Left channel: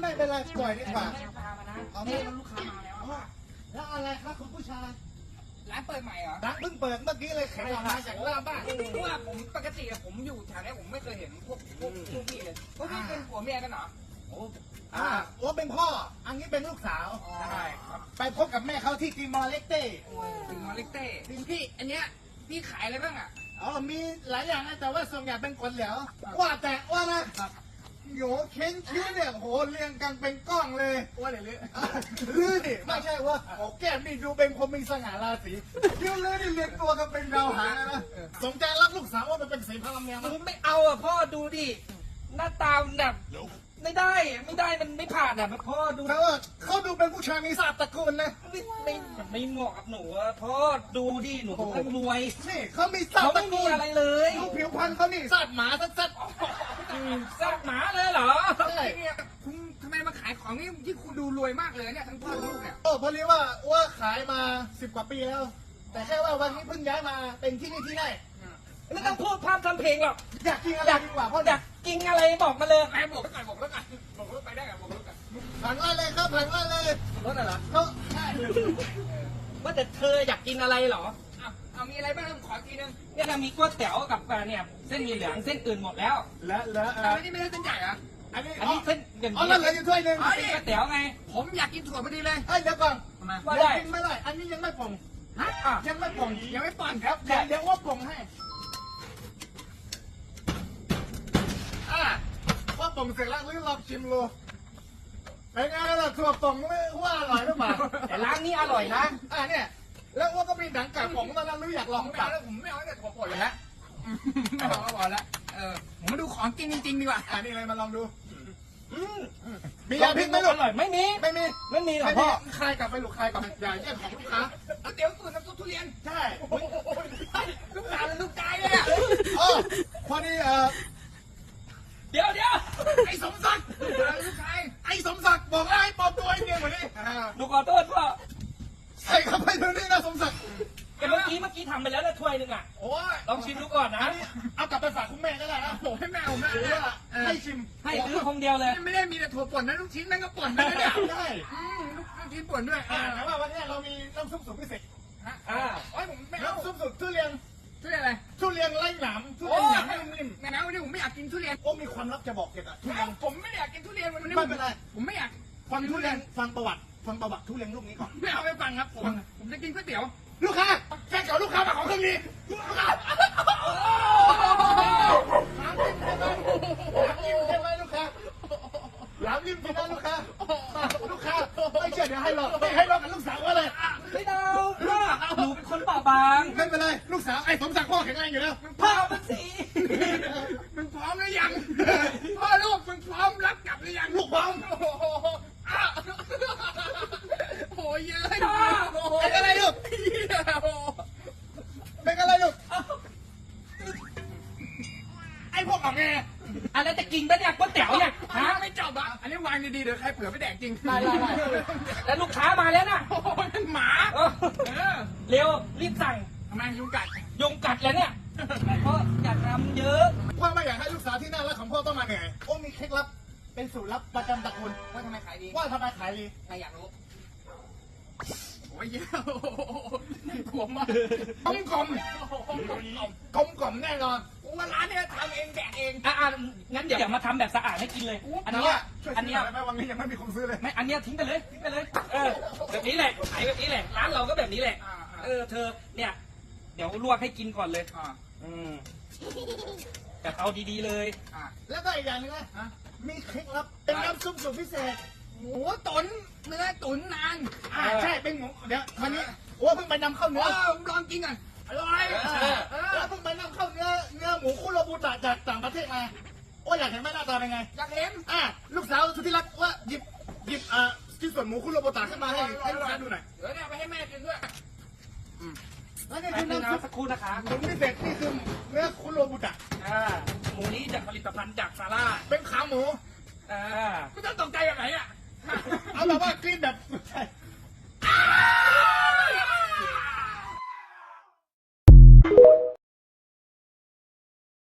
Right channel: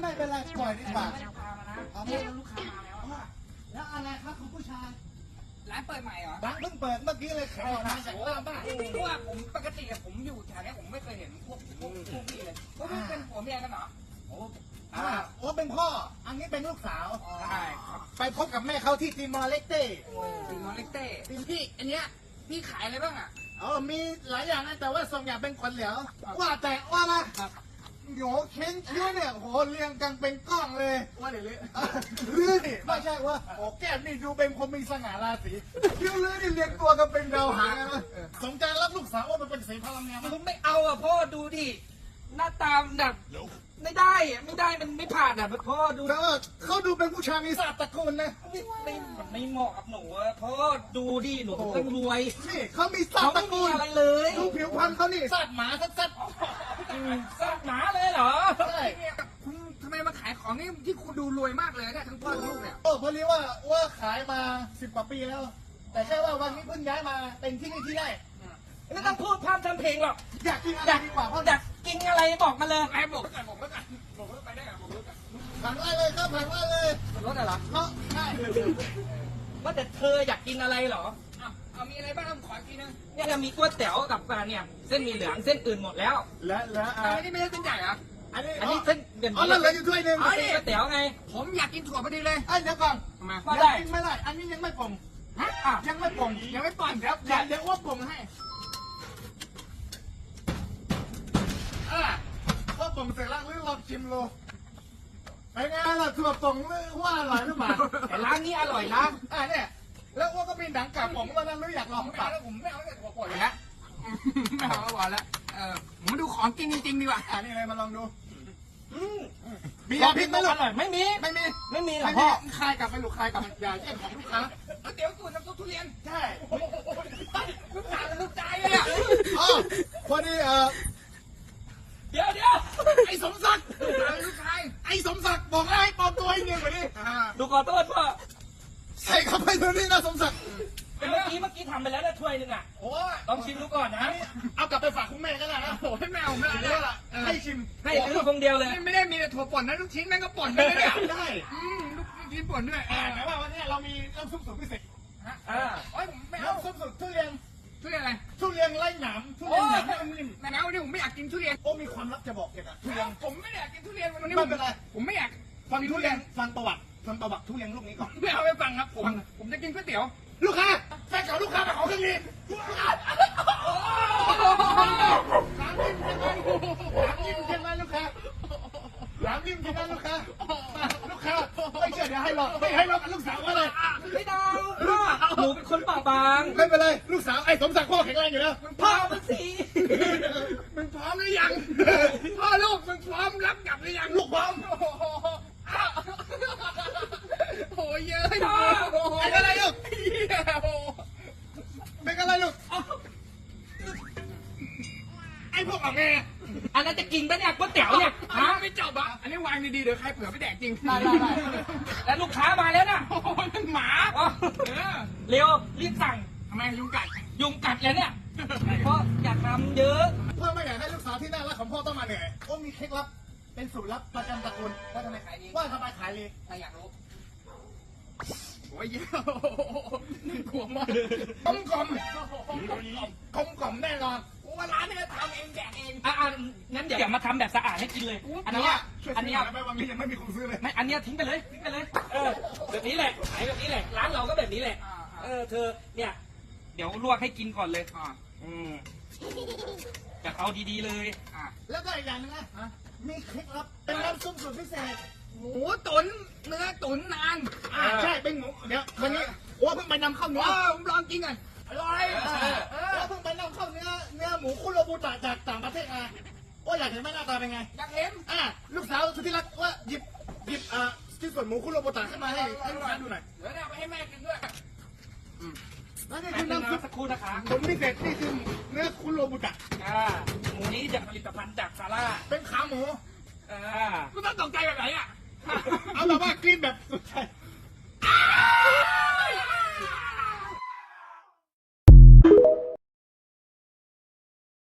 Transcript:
ไม่เป็นไรปล่อยดีกว่าพามานะเอาเนี่ไม่ยลูกค้ามาแล้วเอาแล้วอะไรครับคุณผู้ชายร้านเปิดใหม่เหรอร้านเพิ่งเปิดเมื่อกี้เลยขายออกมาจากโอ้บ้าเพราะว่าผมปกติอะผมอยู่แถวเนี้ยผมไม่เคยเห็นพวกพวกพวกพี่เลยพวกพี่เป็นผัวเมียกันเหรอโอ้อ่าโอ้เป็นพ่อ อันนี้เป็นลูกสาวใช่ครับไปพบกับแม่เขาที่ติมอร์เลสเต้ถึงนอริเต้พี่อันเนี้ยพี่ขายอะไรบ้างอะอ๋อมีหลายอย่างนะแต่ว่าส่วนใหญ่เป็นคนเหลวว่าแต่ว่านะ โหเค้นคิ้วเนี่ยโหเรียงกันเป็นกล้องเลยว่าอะไรเลยลือนี่ไม่ใช่ว่าโอ้แก้มนี่ดูเป็นคนมีสง่าราศีคิ้วลือนี่เรียงตัวกันเป็นดาวหางนะสนใจรับลูกสาวว่ามันเป็นสีพลังเมียไหมผมไม่เอาอะพ่อดูดิ หน้าตามันแบบไม่ได้อะไม่ได้มันไม่ผ่านอะพ่อดูเธอเขาดูเป็นผู้ชายมีศาสตร์ตระกูลนะไม่ไม่มันไม่เหมาะกับหนูอะพ่อดูดิหนูเป็นคนรวยนี่เขามีศาสเขาตร์ตไม่ระมีกูลอะไรเลยดูผิวพรรณเขานี่ศาสตร์หมาสักอื มซากหมาเลยเหรอใช่คุณทำไมมาขายของนี่ที่คุณดูรวยมากเลยเนี่ยทั้งพ่อทั้งลูกเนี่ยโอ้พอดีว่าว่าขายมาสิบกว่าปีแล้ว แต่แค่ว่าวันนี้เพิ่งย้ายมาเป็นที่นี่ที่แรกไม่ต้องพูดพร่ำทำเพลงหรอกอยากกินอะไรดีกว่าพ่ออยากกินอะไรบอกมาเลย ไอ้บอกไว้ก่อนบอกไว้ก่อนบอกรถไปได้ก่อนบอกรถก่อนผ่านมาเลยครับผ่านมาเลยรถอะไรเขาใช่ว่าแต่เธออยากกินอะไรเหรอ เอาเอามีอะไรบ้างขออีก ทีนึงเนี่ยมีก๋วยเตี๋ยวกับเนี่ยเส้นหมี่เหลืองเส้นอื่นหมดแล้วและและอะเอาไม่ได้ไม่ได้ต้นใหญ่เหรออันนี้อันนี้เส้นอย่างอ๋อนี้แล้วเหลืออยู่ถ้วยหนึ่งอ๋อเส้นก๋วยเตี๋ยวไงผมอยากกินถั่วพอดีเลยไอ้ยเดี๋ยวก่อนทำไมว่าได้ยังไม่ได้อันนี้ยังไม่ป่งฮะอะยังไม่ป่งยังไม่ป่อนครับเดี๋ยวเดี๋ยวว่าป่งให้อะพอป่งเสร็จแล้วหรือลองชิมดูเป็นไงล่ะถั่วป่งว่าอร่อยหรือเปล่าแต่ร้านนี้อร่อยนะอะเนี่ยแล้ วว่าก็เป็นหนังกากผมตอนนั้นไม่อยากลองไม่กลัเอาบแล้วผมไม่เอาแต่ถั่วป่นเลยฮะไม่เอาแล้วพอแล้วเออผมมาดูของกินจริงๆดีกว่าอันนี้เลยมาลองดูอืมมียาพิษไหมลูอกร่อยไม่มี ไม่มี ไม่มีหรอไม่พ่มีอคายกลับไปลูกคายกลับไปอย่าแย่งของลูกค้าเอาเดี๋ยวตัวน้ำซุปทุเรียนใช่ลูกค้าเป็นลูกใจอะอ๋อพอดีเอ่อเดี๋ยวเดี๋ยวไอ้สมศักดิ์ลูกชายไอ้สมศักดิ์บอกแล้วให้ปลอมตัวให้เนียนกว่านี้อ่าดูขอโทษพ่อใส่เข้าไปเดี๋ยวนี้นะสมศักดิ์แต่เมื่อกี้เมื่อกี้ทำไปแล้วนะถ้วยหนึ่งอะโอ้ยลองชิมดูก่อนนะ เอากลับไปฝากคุณแม่ก็ได้นะโอ้ยแมวแม่หรือว่าให้ชิมให้ซื้อคงเดียวเลย ไม่ได้มีแต่ถั่วป่นนะลูกชิ้นนั่นก็ป่นด้วยนะเนี่ยได้อืมลูกชิ้นป่นด้วยแต่อ่าว่าวันนี้เรามีน้ำซุปสูตรพิเศษอ่าโอ้ยผมไม่เอาน้ำซุปสูตรทุเรียนทุเรียนอะไรทุเรียนไร้หนามทุโอ้เรียนยหนามไม่นิ่มแม่นะวันนี้ผมไม่อยากกินทุเรียนโอ้มีความลับจะบอกเกี่ยวกับทุเรียนผมไม่ได้อยากกินทุเรียนวันนี้ไม่เป็นไรผมไม่อยากฟังทุเรียนฟังประวัติ ฟังประวัติทุเรียนลูกนี้ก่อนไม่เอาไปฟังครับผม ผมจะกินก๋วยเตี๋ยว ลูกค้าแฟนเก่าลูกค้ามาขอเครื่องนี้ลูกค้าใช่ไหมลูกค้าหลามริมใช่ไหมลูกค้ามาลูกค้าไม่เชื่อเดี๋ยวให้หลอกไม่ให้หลอกกับลูกสาวก็เลยไม่ได้พ่อหนูเป็นคนเปราะบางไม่เป็นไรลูกสาวไอ้สมศักดิ์พ่อแข็งแรงอยู่แล้วพ่อมันสีมันพร้อมหรือยังพ่อลูกมันพร้อมรับกลับหรือยังลูกพร้อม โอ้โหอ้าวโอ้ ยเยอะไม่พอเป็นอะไรลูกเป็นอะไรลูกไอ้พวกออกไงอันนั้นจะกินปะเนี่ยก๋วยเตี๋ยวเนี่ยฮะไม่จบอะอันนี้วางดีๆเดี๋ยวใครเผื่อไปแดกจริงได้ได้ได้แล้วลูกค้ามาแล้วนะโอ้โหนั่นหมาเร็วรีบสั่งทำไมยุงกัดยุงกัดแล้วเนี่ยเพราะอย่าทำเยอะพ่อไม่อยากให้ลูกสาวที่น่ารักของพ่อต้องมาเหนื่อยโอ้มีเคล็ดลับเป็นสูตรลับประจำตระกูลว่าทำไมขายดีว่าทำไมขายดีใครอยากรู้ โอ้ยเยอะน่ากลัวมากกลมกลมกลมกลมแน่นอนว่าร้านเนี่ยทำเองแดกเองอะอะงั้นเดี๋ยวมาทำแบบสะอาดให้กินเลย อันแต่เนี้ยว่าช่วยอันเนี้ยไม่วันนี้ยังไม่มีคนซื้อเลย ไม่อันเนี้ยทิ้งไปเลยทิ้งไปเลย เออ แบบนี้แหละขายแบบนี้แหละ ร้านเราก็แบบนี้แหละ อ่าอ่า เออ เธอ เนี่ย เดี๋ยวลวกให้กินก่อนเลย อ่าอืมแต่เอาดีๆเลย อ่าแล้วก็อีกอย่างนึงนะ มีเคล็ดลับเป็นน้ำซุปสูตรพิเศษ หมูตุ๋นเนื้อตุ๋นนานอ่าใช่เป็นหมูเดี๋ยววันนี้โอ้เพิ่งไปนำเข้าเนื้อว้าวผมลองกินก่อนอร่อยเออแล้วเพิ่งไปนำเข้าเนื้อเนื้อหมูคุโรบุตะจากต่างประเทศมาโอ้อยากเห็นไหมหน้าตาเป็นไงอยากเห็นอ่าลูกสาวสุดที่รักว่าหยิบหยิบอ่าชิ้นส่วนหมูคุโรบุตะขึ้นมาให้ให้ลูกค้าดูหน่อยเดี๋ยวเนี่ยไปให้แม่กินด้วยแล้วนี่แป๊คืบอนึงน้ำซุนะปสักครู่นะคะผลพิเศษนี่คือเนื้อคุโรบุตะอ่าหมูนี้จากผลิตภัณฑ์จากซาร่าเป็นขาหมู กินแบบ